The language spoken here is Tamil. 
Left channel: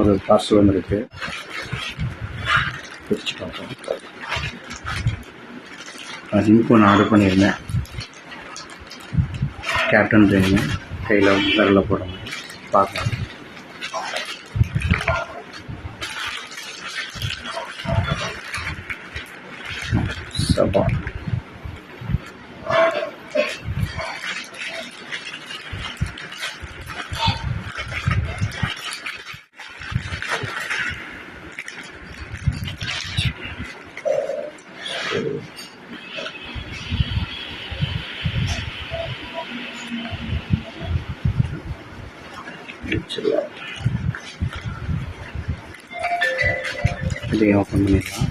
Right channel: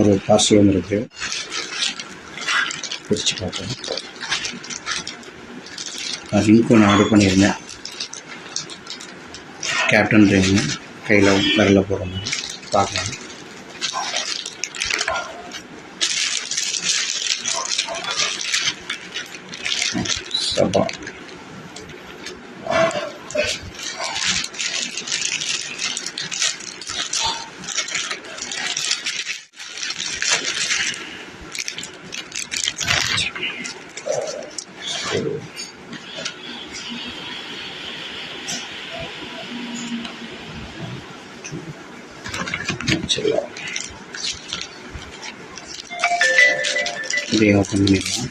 ஒரு பார்சல் வந்துருக்கு, பிரித்து பார்ப்போம். ரிங்க் ஒன்று ஆர்டர் பண்ணியிருந்தேன், கேப்டன் ரிங்கு, கையில் விரலில் போடுற மாதிரி. பார்க்கலாம். சபா இதையும் ஓப்பன் பண்ணிடலாம்.